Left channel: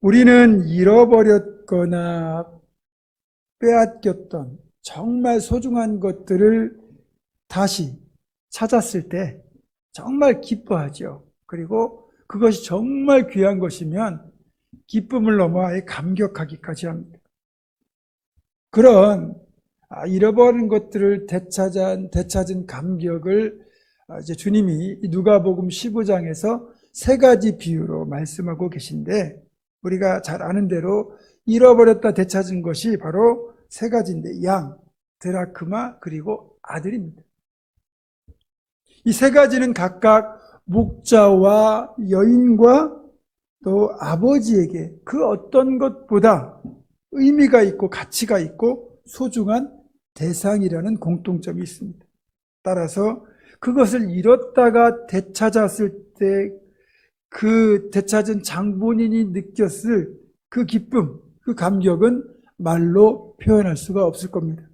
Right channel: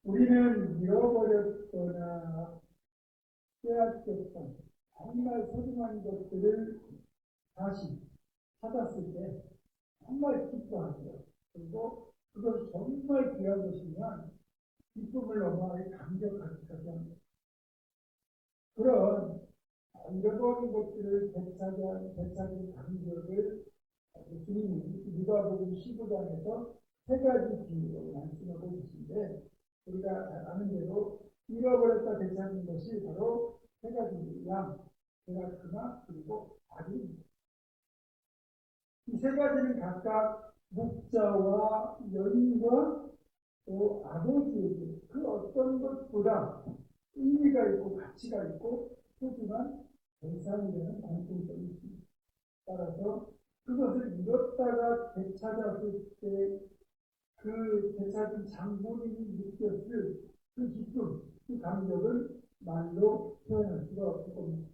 우리는 잃어버렸거나 빼앗겼던 정말 소중한 것들을 다시 찾았을 때 정말 기뻐하죠. 그리고 그것이 정말 귀한 것이면 기쁨을 넘어 아예 감격하기까지 합니다. 그런 잃어버린 것들을 되찾은 감격을 이제 주님이 누가복음 15장에서 세 가지 비유로 말씀하고 계신데, 우리가 잘 아는 대로 잃어버렸다 되찾은 것이 바로 세 가지인데, 양, 드라크마, 그리고 아들입니다. 이 세 가지는 각각 목자와 여인과 또 아버지에게 그 어떤 것보다 의미가 있고 가치가 있고 소중한 대상이라는 공통점이 있습니다. 따라서 그것을 잃었다가 되찾았을 때 그 되찾은 장본인이 느꼈을 그 기쁨, 그 감격은 말로 표현할 수가 없을 겁니다.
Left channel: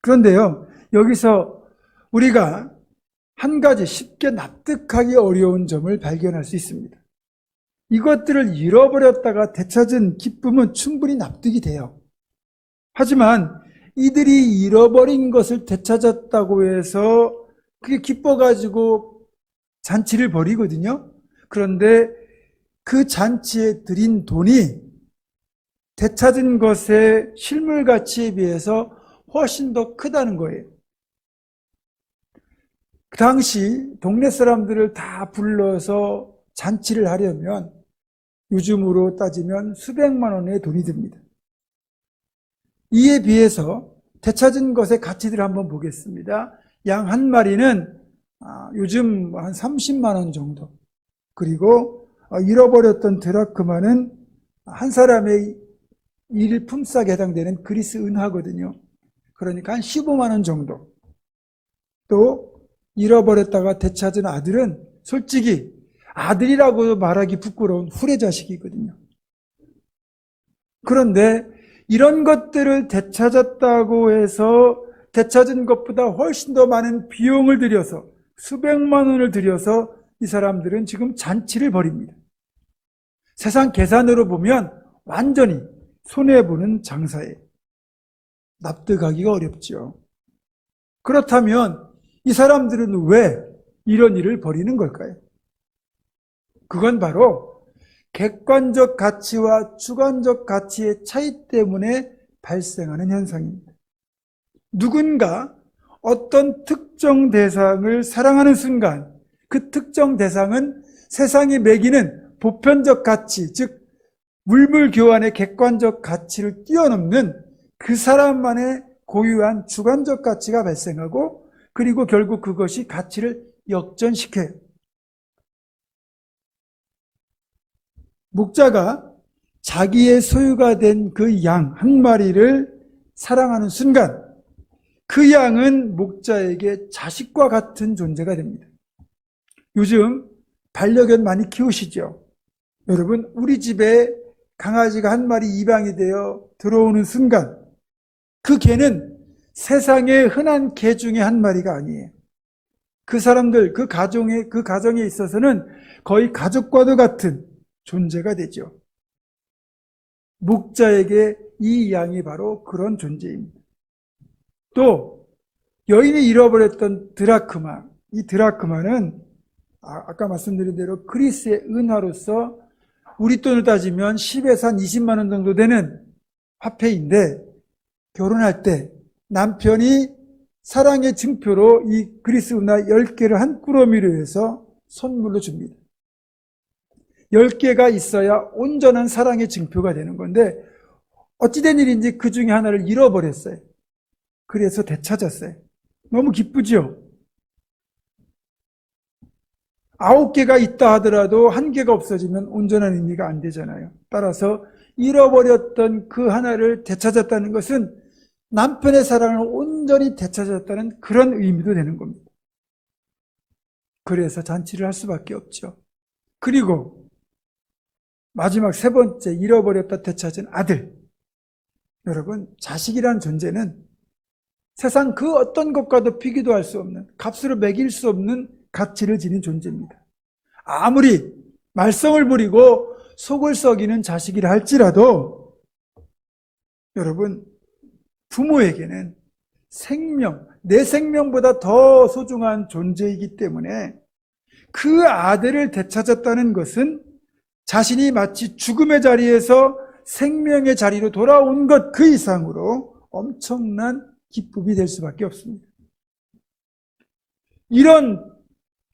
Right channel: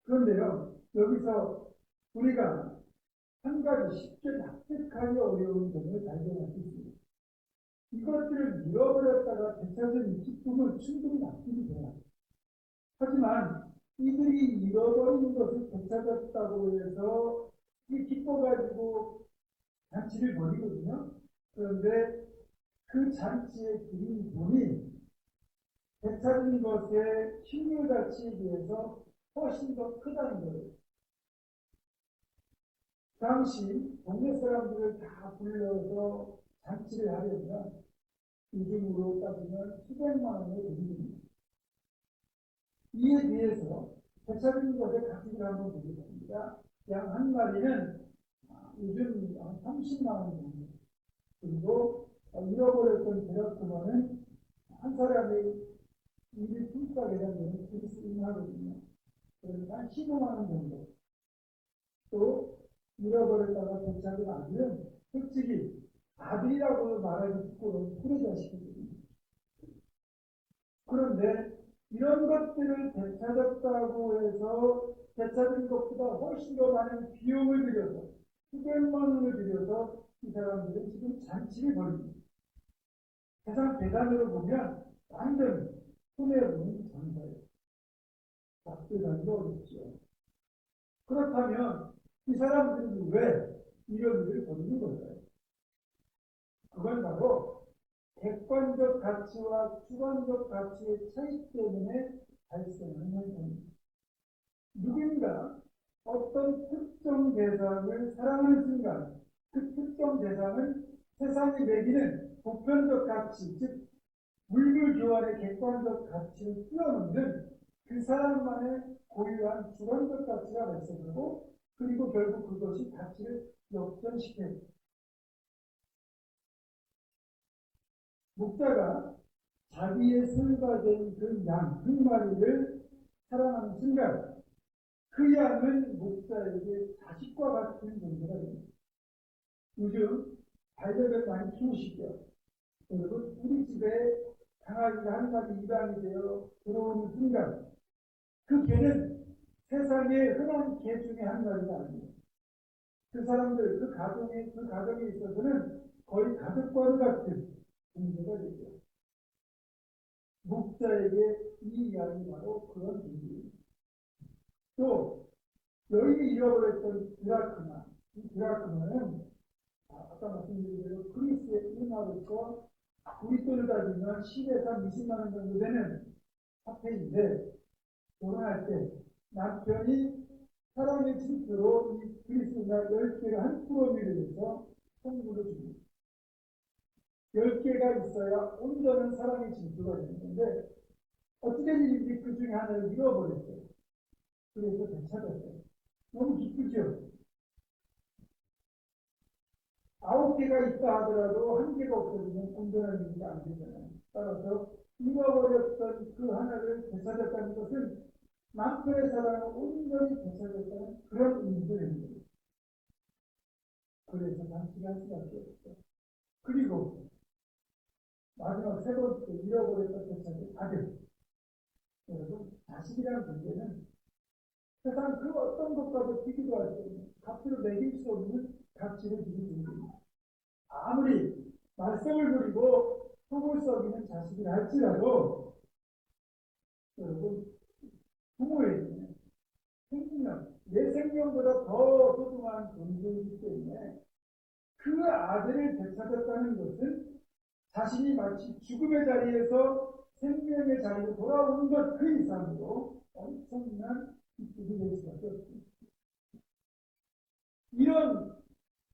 그런데요, 여기서 우리가 한 가지 쉽게 납득하기 어려운 점을 발견할 수 있습니다. 이것들을 잃어버렸다가 되찾은 기쁨은 충분히 납득이 돼요. 하지만 이들이 잃어버린 것을 되찾았다고 해서 그게 기뻐가지고 잔치를 벌이거든요. 그런데 그 잔치에 들인 돈이 되찾은 것의 실물 가치에 비해서 훨씬 더 크다는 거예요. 그 당시 동네 사람들을 다 불러서 잔치를 하려면 요즘으로 따지면 수백만 원의 돈이 듭니다. 이에 비해서 되찾은 것의 가치들을 한번 보겠습니다. 양 한 마리는 요즘 한 30만 원 정도, 그리고 잃어버렸던 드라크마는 한 사람의 일품삯에 해당되는 그리스 은하거든요. 그러니까 한 15만 원 정도. 또 잃어버렸다가 되찾은 아들은 솔직히 아들이라고 말하기 부끄러운 후레자식이거든요. 그런데 이런 것들을 되찾았다고 해서 되찾은 것보다 훨씬 더 많은 비용을 들여서 수백만 원을 들여서 이 사람들은 지금 잔치를 벌입니다. 세상 계산으로 보면 완전히 손해보는 장사예요. 납득하기가 어렵죠. 그렇다면 이 사람들은 왜 이런 일을 벌이는 걸까요? 그건 바로 객관적 가치와 주관적 가치의 차이 때문에 발생하는 현상입니다. 누군가 어떤 특정 대상을 사랑하는 순간 그 특정 대상은 세상이 매기는 보편적 가치, 즉 물물 교환의 객관적 가치를 뛰어넘는 그 사람만의 고유한 주관적 가치가 발생하고, 그리고 결국 그것이 가치를 역전시켜요. 목자가 자기의 소유가 된 그 양 한 마리를 사랑하는 순간 그 양은 목자에게 자식과 같은 존재가 됩니다. 요즘 반려견 많이 키우시죠? 여러분, 우리 집에 강아지가 한 마리 입양이 되어 들어오는 순간 그 개는 세상에 흔한 개 중에 한 마리가 아니에요. 그 사람들, 그 가정에 있어서는 거의 가족과도 같은 존재가 되죠. 목자에게 이 양이 바로 그런 존재입니다. 또 여인이 잃어버렸던 드라크마, 이 드라크마는 아까 말씀드린 대로 그리스의 은화로서 우리 돈을 따지면 10에서 한 20만 원 정도 되는 화폐인데, 결혼할 때 남편이 사랑의 증표로 이 그리스 은화 10개를 한 꾸러미로 해서 선물로 줍니다. 10개가 있어야 온전한 사랑의 증표가 되는 건데, 어찌된 일인지 그 중에 하나를 잃어버렸어요. 그래서 되찾았어요. 너무 기쁘죠? 9개가 있다 하더라도 1개가 없어지면 온전한 의미가 안 되잖아요. 따라서 잃어버렸던 그 하나를 되찾았다는 것은 남편의 사랑을 온전히 되찾았다는 그런 의미도 되는 겁니다. 그래서 잔치를 할 수밖에 없죠. 그리고 마지막 세 번째, 잃어버렸다 되찾은 아들. 여러분, 자식이라는 존재는 세상 그 어떤 것과도 비교도 할 수 없는, 값으로 매길 수 없는 가치를 지닌 존재입니다. 아무리 말썽을 부리고 속을 썩이는 자식이라 할지라도 여러분, 부모에게는 생명, 내 생명보다 더 소중한 존재이기 때문에 그 아들을 되찾았다는 것은 자신이 마치 죽음의 자리에서 생명의 자리로 돌아온 것 그 이상으로 엄청난 기쁨이 될 수밖에 없습니다. 이런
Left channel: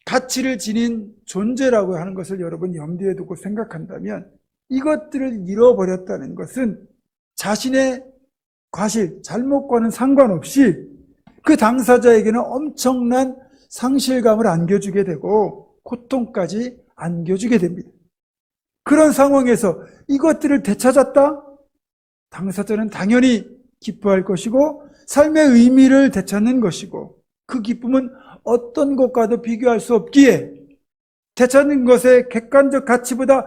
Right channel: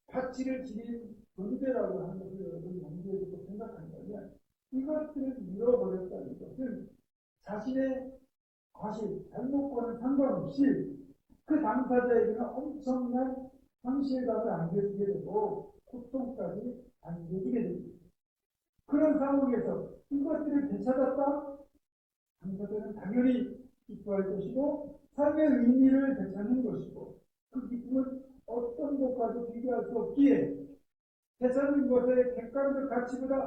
가치를 지닌 존재라고 하는 것을 여러분 염두에 두고 생각한다면 이것들을 잃어버렸다는 것은 자신의 과실, 잘못과는 상관없이 그 당사자에게는 엄청난 상실감을 안겨주게 되고 고통까지 안겨주게 됩니다. 그런 상황에서 이것들을 되찾았다? 당사자는 당연히 기뻐할 것이고 삶의 의미를 되찾는 것이고 그 기쁨은 어떤 것과도 비교할 수 없기에 되찾는 것의 객관적 가치보다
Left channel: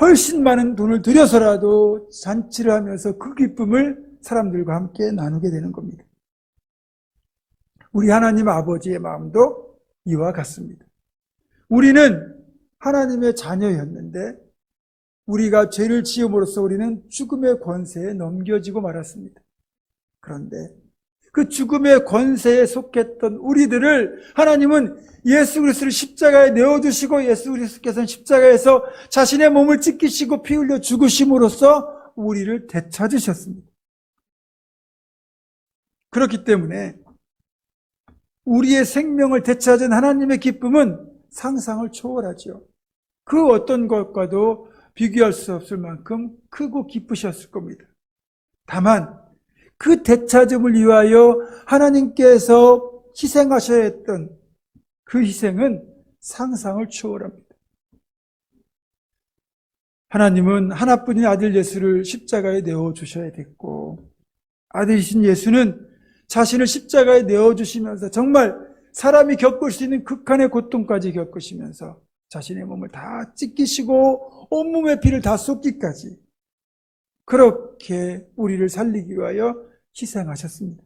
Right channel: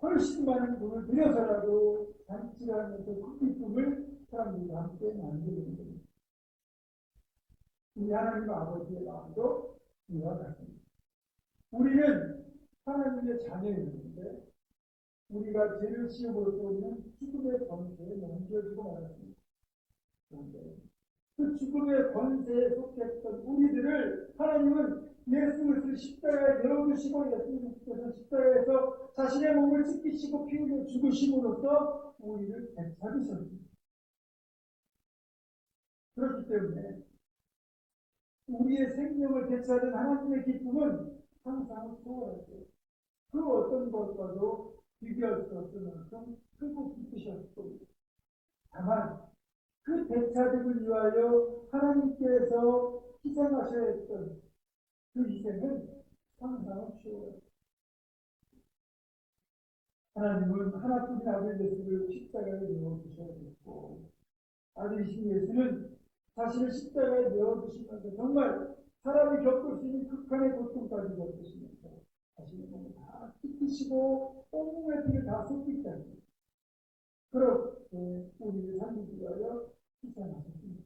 훨씬 많은 돈을 들여서라도 잔치를 하면서 그 기쁨을 사람들과 함께 나누게 되는 겁니다. 우리 하나님 아버지의 마음도 이와 같습니다. 우리는 하나님의 자녀였는데 우리가 죄를 지음으로써 우리는 죽음의 권세에 넘겨지고 말았습니다. 그런데 그 죽음의 권세에 속했던 우리들을 하나님은 예수 그리스도를 십자가에 내어두시고 예수 그리스도께서는 십자가에서 자신의 몸을 찢기시고 피 흘려 죽으심으로써 우리를 되찾으셨습니다. 그렇기 때문에 우리의 생명을 되찾은 하나님의 기쁨은 상상을 초월하죠. 그 어떤 것과도 비교할 수 없을 만큼 크고 기쁘셨을 겁니다. 다만 그 되찾음을 위하여 하나님께서 희생하셔야 했던 그 희생은 상상을 초월합니다. 하나님은 하나뿐인 아들 예수를 십자가에 내어주셔야 됐고 아들이신 예수는 자신을 십자가에 내어주시면서 정말 사람이 겪을 수 있는 극한의 고통까지 겪으시면서 자신의 몸을 다 찢기시고 온몸의 피를 다 쏟기까지 그렇게 우리를 살리기 위하여 희생하셨습니다.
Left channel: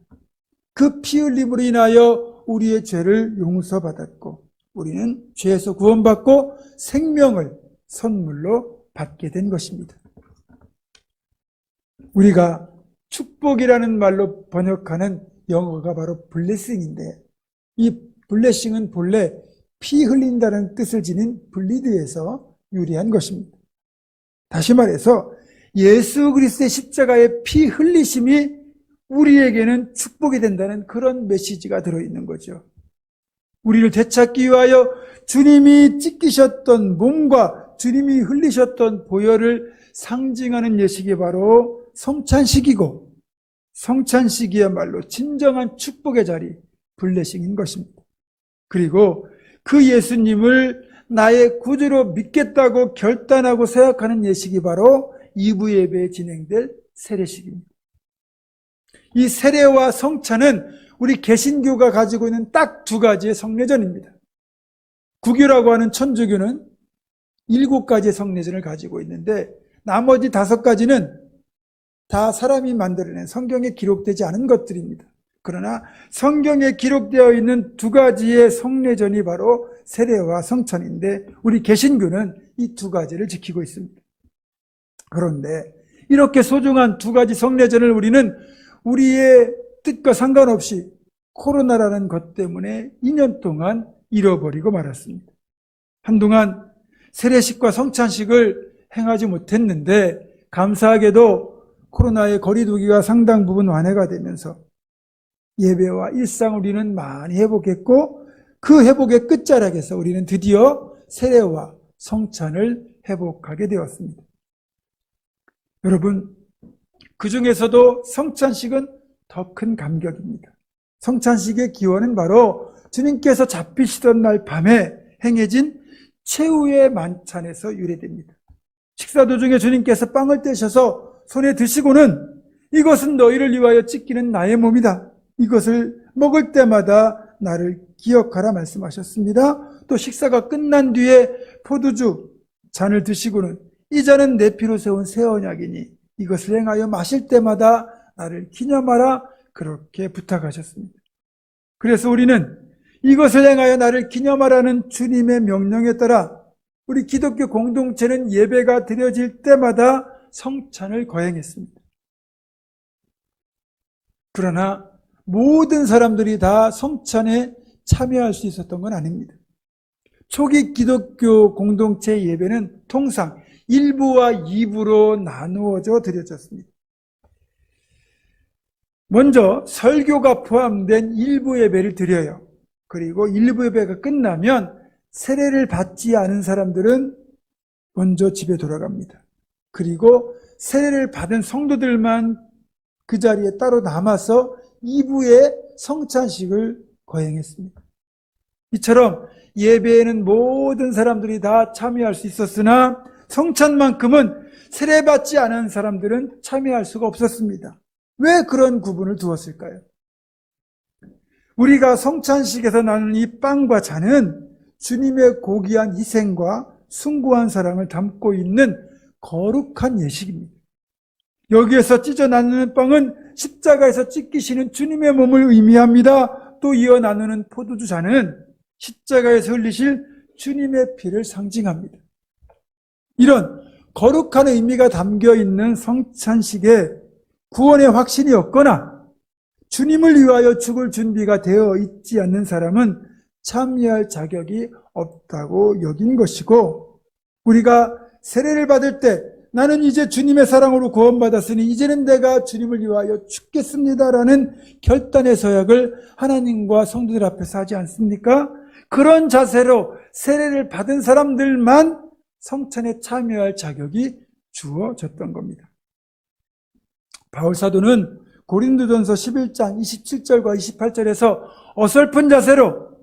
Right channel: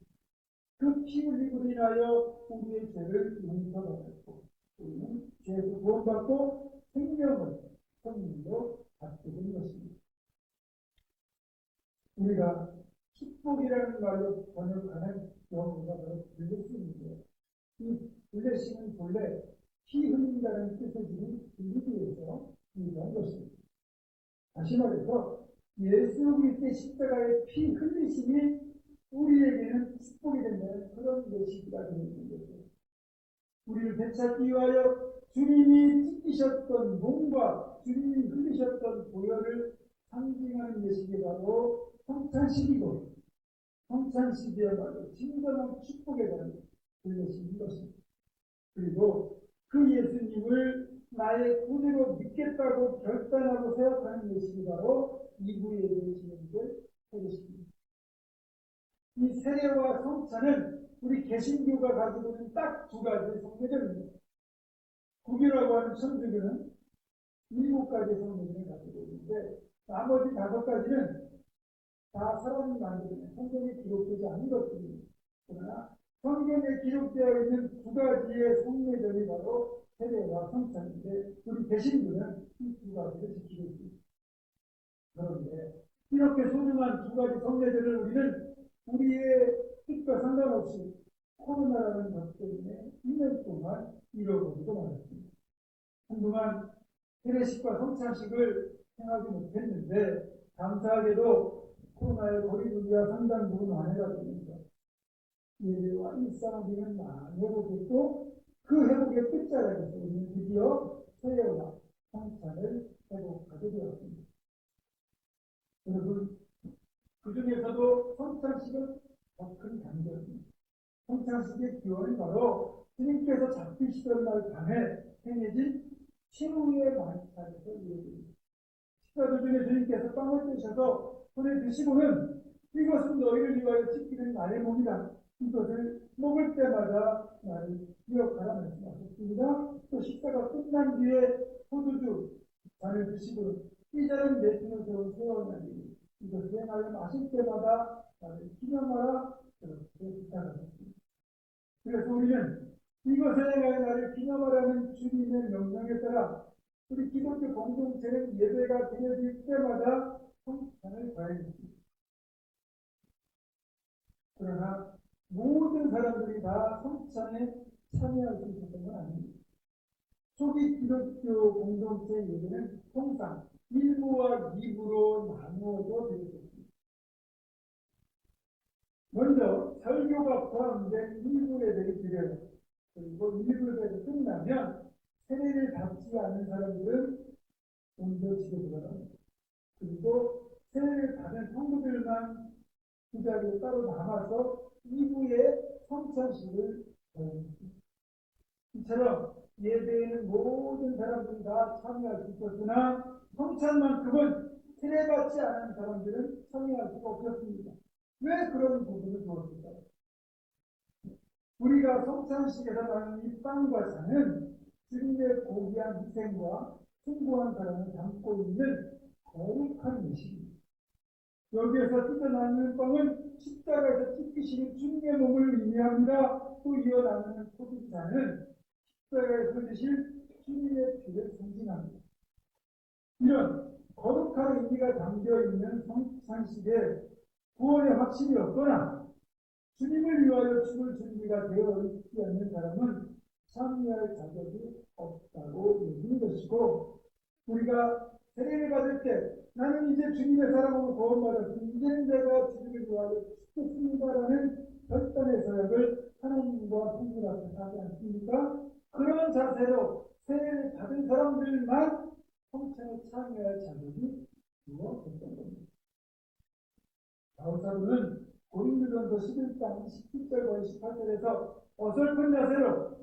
그 피 흘림으로 인하여 우리의 죄를 용서받았고 우리는 죄에서 구원받고 생명을 선물로 받게 된 것입니다. 우리가 축복이라는 말로 번역하는 영어가 바로 블레싱인데 이 블레싱은 본래 피 흘린다는 뜻을 지닌 블리드에서 유래한 것입니다. 다시 말해서 예수 그리스도의 십자가의 피 흘리심이 우리에게는 축복이 된다는 그런 메시지가 들어있는 거죠. 우리를 되찾기 위하여 주님이 찢기셨던 몸과 주님이 흘리셨던 보혈을 상징하는 예식이 바로 성찬식이고 성찬식이야말로 진정한 축복의 자리, 블레싱인 것입니다. 그리고 그 예수님을 나의 구주로 믿겠다고 결단하고 생각하는 예식이 바로 2부 예배에 진행될 세례식입니다. 이 세례와 성찬은 우리 개신교가 가지고 있는 딱 두 가지의 성례전입니다. 구교라고 하는 천주교는 7가지의 성례전을 가지고 있는데 나머지 5가지는 다 사람이 만들어낸 성경에 기록되지 않은 것들입니다. 그러나 성경에 기록되어 있는 2가지의 성례전이 바로 세례와 성찬인데 우리 개신교는 이 2가지를 지키고 있습니다. 그런데 이렇게 소중한 2가지 성례전을 우리는 우리의 뜻과 상관없이 코로나라는 것 때문에 2년 동안 잃어버리고 말았습니다. 한동안 세례식과 성찬식을 행하지 못했는데 감사하게도 코로나의 거리두기가 상당 부분 완화가 되면서 예배와 일상을 우리는 많이 회복했고 그 회복의 끝자락에서 우리는 드디어 세례와 성찬을 회복하게 되었습니다. 여러분, 그 중에서도 성찬식은 더 큰 감격입니다. 성찬식의 기원은 바로 주님께서 잡히시던 날 밤에 행해진 최후의 만찬에서 유래됩니다. 식사 도중에 주님께서 빵을 떼셔서 손에 드시고는 이것은 너희를 위하여 찢기는 나의 몸이다. 이것을 먹을 때마다 나를 기억하라 말씀하셨습니다. 또 식사가 끝난 뒤에 포도주 잔을 드시고는 이 잔은 내 피로 세운 새 언약이니 이것을 행하여 마실 때마다 나를 기념하라 그렇게 부탁하셨습니다. 그래서 우리는 이것을 행하여 나를 기념하라는 주님의 명령에 따라 우리 기독교 공동체는 예배가 드려질 때마다 성찬을 거행했습니다. 그러나 모든 사람들이 다 성찬에 참여할 수 있었던 건 아닙니다. 초기 기독교 공동체 예배는 통상 1부와 2부로 나누어져 드려졌습니다. 먼저 설교가 포함된 1부 예배를 드려요. 그리고 1부 예배가 끝나면 세례를 받지 않은 사람들은 먼저 집에 돌아갑니다. 그리고 세례를 받은 성도들만 그 자리에 따로 남아서 2부의 성찬식을 거행했습니다. 이처럼 예배에는 모든 사람들이 다 참여할 수 있었으나 성찬만큼은 세례받지 않은 사람들은 참여할 수가 없었습니다. 왜 그런 구분을 두었을까요? 우리가 성찬식에서 나누는 이 빵과 잔은 주님의 고귀한 희생과 숭고한 사랑을 담고 있는 거룩한 예식입니다. 여기에서 찢어 나누는 빵은 십자가에서 찢기시는 주님의 몸을 의미합니다. 또 이어 나누는 포도주 잔은 십자가에서 흘리실 주님의 피를 상징합니다. 이런 거룩한 의미가 담겨 있는 성찬식에 구원의 확신이 없거나 주님을 위하여 죽을 준비가 되어 있지 않는 사람은 참여할 자격이 없다고 여긴 것이고, 우리가 세례를 받을 때 나는 이제 주님의 사랑으로 구원받았으니 이제는 내가 주님을 위하여 죽겠습니다라는 결단의 서약을 하나님과 성도들 앞에서 하지 않습니까? 그런 자세로 세례를 받은 사람들만 성찬에 참여할 자격이 주어졌던 겁니다. 바울 사도는 고린도전서 11장 27절과 28절에서 어설픈 자세로,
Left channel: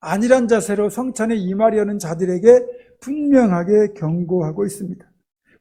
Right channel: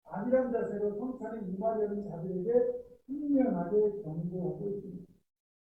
안일한 자세로 성찬에 임하려는 자들에게 분명하게 경고하고 있습니다.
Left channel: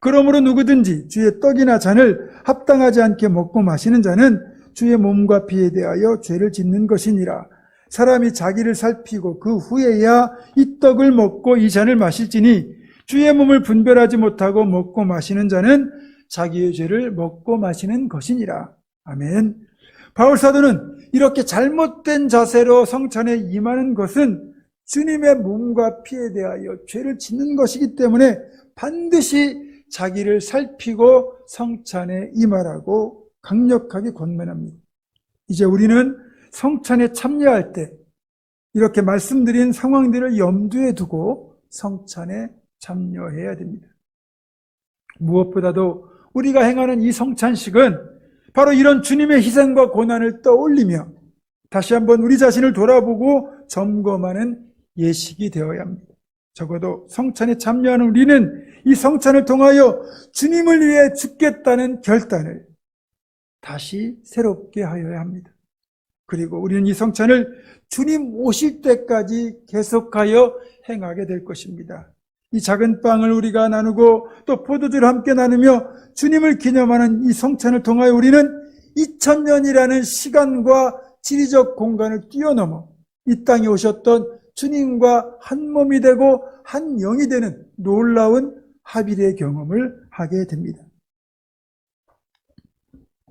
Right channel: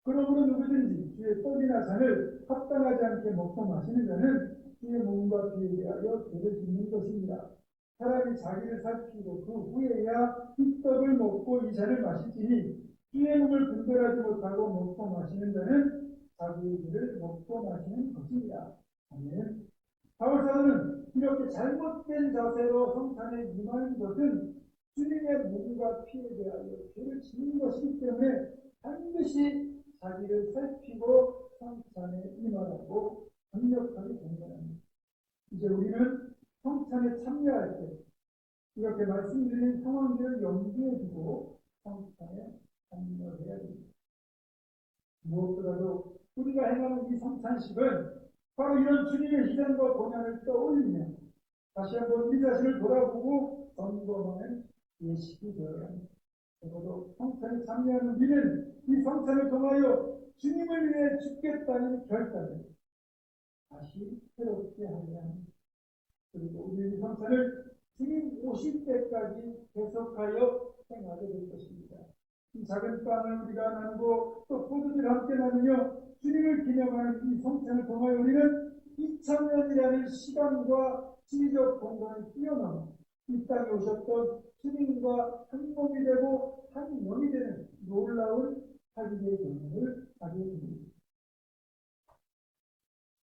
그러므로 누구든지 주의 떡이나 잔을 합당하지 않게 먹고 마시는 자는 주의 몸과 피에 대하여 죄를 짓는 것이니라. 사람이 자기를 살피고 그 후에야 이 떡을 먹고 이 잔을 마실지니 주의 몸을 분별하지 못하고 먹고 마시는 자는 자기의 죄를 먹고 마시는 것이니라. 아멘. 바울 사도는 이렇게 잘못된 자세로 성찬에 임하는 것은 주님의 몸과 피에 대하여 죄를 짓는 것이기 때문에 반드시 자기를 살피고 성찬에 임하라고 강력하게 권면합니다. 이제 우리는 성찬에 참여할 때 이렇게 말씀드린 상황들을 염두에 두고 성찬에 참여해야 됩니다. 무엇보다도 우리가 행하는 이 성찬식은 바로 이런 주님의 희생과 고난을 떠올리며 다시 한번 우리 자신을 돌아보고 점검하는 예식이 되어야 합니다. 적어도 성찬에 참여하는 우리는 이 성찬을 통하여 주님을 위해 죽겠다는 결단을 다시 새롭게 하여야 합니다. 그리고 우리는 이 성찬을 주님 오실 때까지 계속하여 행하게 될 것입니다. 이 작은 빵을 우리가 나누고 또 포도주를 함께 나누며 주님을 기념하는 이 성찬을 통하여 우리는 2000년이라는 시간과 지리적 공간을 뛰어넘어 이 땅에 오셨던 주님과 한 몸이 되고 한 영이 되는 놀라운 합일의 경험을 하게 됩니다.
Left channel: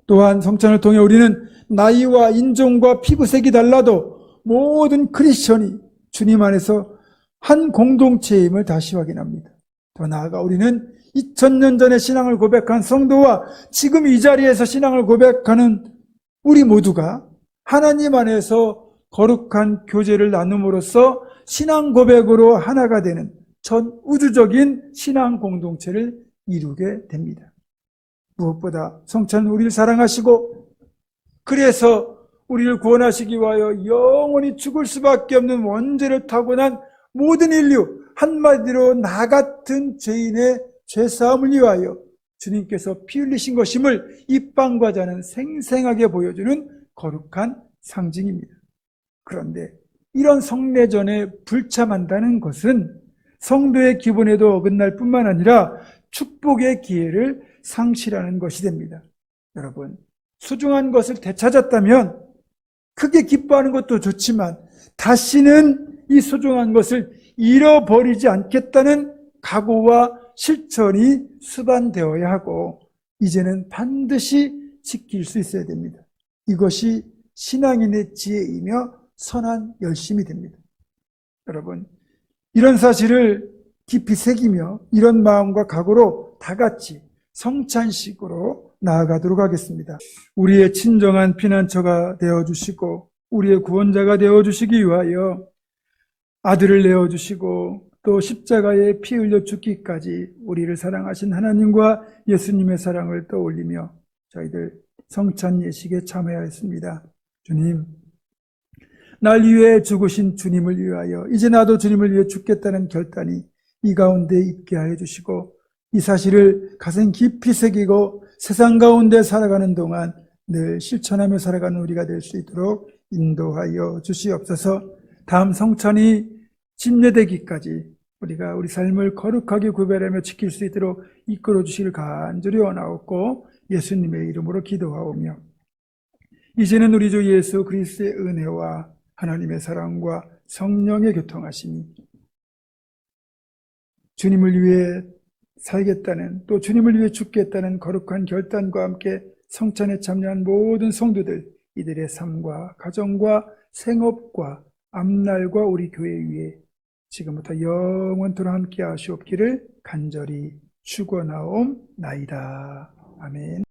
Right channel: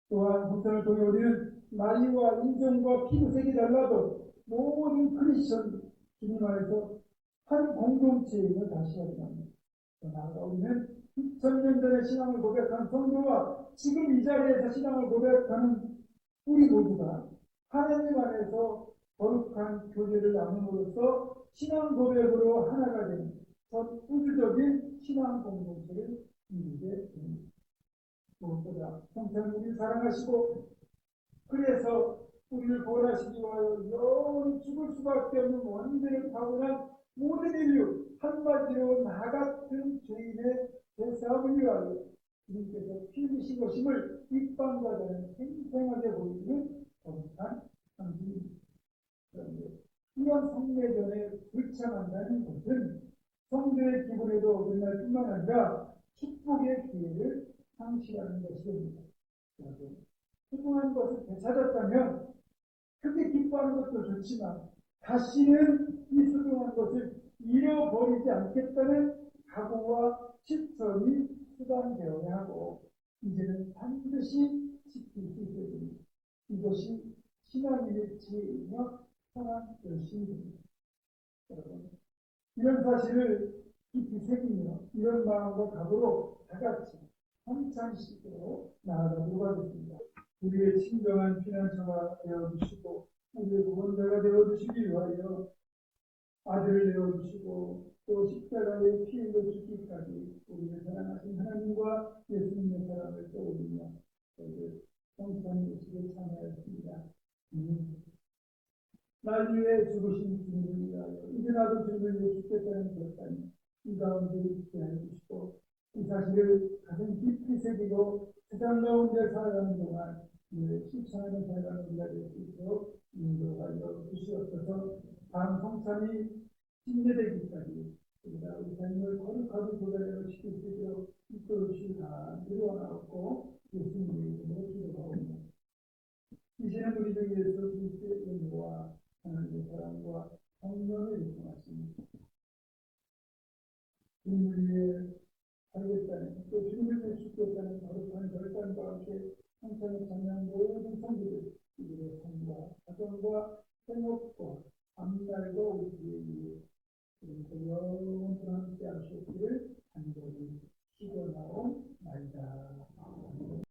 또한 성찬을 통해 우리는 나이와 인종과 피부색이 달라도 모든 크리스천이 주님 안에서 한 공동체임을 다시 확인합니다. 더 나아가 우리는 2000년 전에 신앙을 고백한 성도와 지금 이 자리에서 신앙을 고백하는 우리 모두가 하나님 안에서 거룩한 교제를 나눔으로써 신앙 고백으로 하나가 되는 전 우주적인 신앙 공동체를 이루게 됩니다. 무엇보다 성찬은 우리를 사랑하시고 그래서 우리를 구원하시기 위하여 영원히 죽을 수밖에 없는 원죄를 타고난 모든 인류, 한마디로 나 같은 죄인의 죄사함을 위하여 주님께서 피 흘리신 것임을 이 빵과 잔은 생생하게 보여주는 거룩한 상징입니다. 그런데 이런 성례전에 불참한다는 것은 성도의 기본에도 어긋날 뿐만 아니라 축복의 기회를 상실하는 것이 됩니다. 여러분, 소중한 것을 되찾았다면 크게 기뻐하는 것도 좋지만 다시는 이 소중한 것을 잃어버리지 않겠다는 각오와 실천이 수반되어야 하고 이제는 반드시 지킬 수 있어야 됩니다. 이것이 신앙인의 지혜이며 선한 열심이 됩니다. 여러분, 이런 사실을 깊이 새기며 이런 마음과 각오로 다 같이 성찬식으로 나아가도록 하겠습니다. 우리의 친정한 피난처가 되어주시고 우리의 구원자가 되어주시기 위하여 아들을 내어주시고 또 십자가에 피 흘려 죽기까지 우리를 사랑하신 하나님과 예수님의 사랑을 떠올리며 저희들 성찬 예식에 참여하였습니다. 주님, 날 위해 죽으신 주님을 위하여 이제 나도 주님을 위해 죽겠다는 결단이 이 가운데 있게 하여 주시고 이 사실을 가슴 깊이 새기고 세상 가운데 살아가는 동안 늘 실천하며 살아가는 우리가 될 수 있도록 인도하여 주시옵소서. 다음 성찬이 침례되기까지 우리가 우리 삶을 거룩하게 구별하며 지킬 수 있도록 이끌어 주시길 간절히 원하옵고 예수님의 이름으로 기도하오며 이제는 우리 주 예수 그리스도의 은혜와 하나님의 사랑과 성령의 교통하심이 주님을 위해 살겠다는 또 주님을 위해 죽겠다는 거룩한 결단과 함께 성찬에 참여한 모든 성도들 이들의 삶과 가정과 생업과 앞날과 우리 교회 위에 지금부터 영원토록 함께 하시옵기를 간절히 축원하옵나이다. 아멘.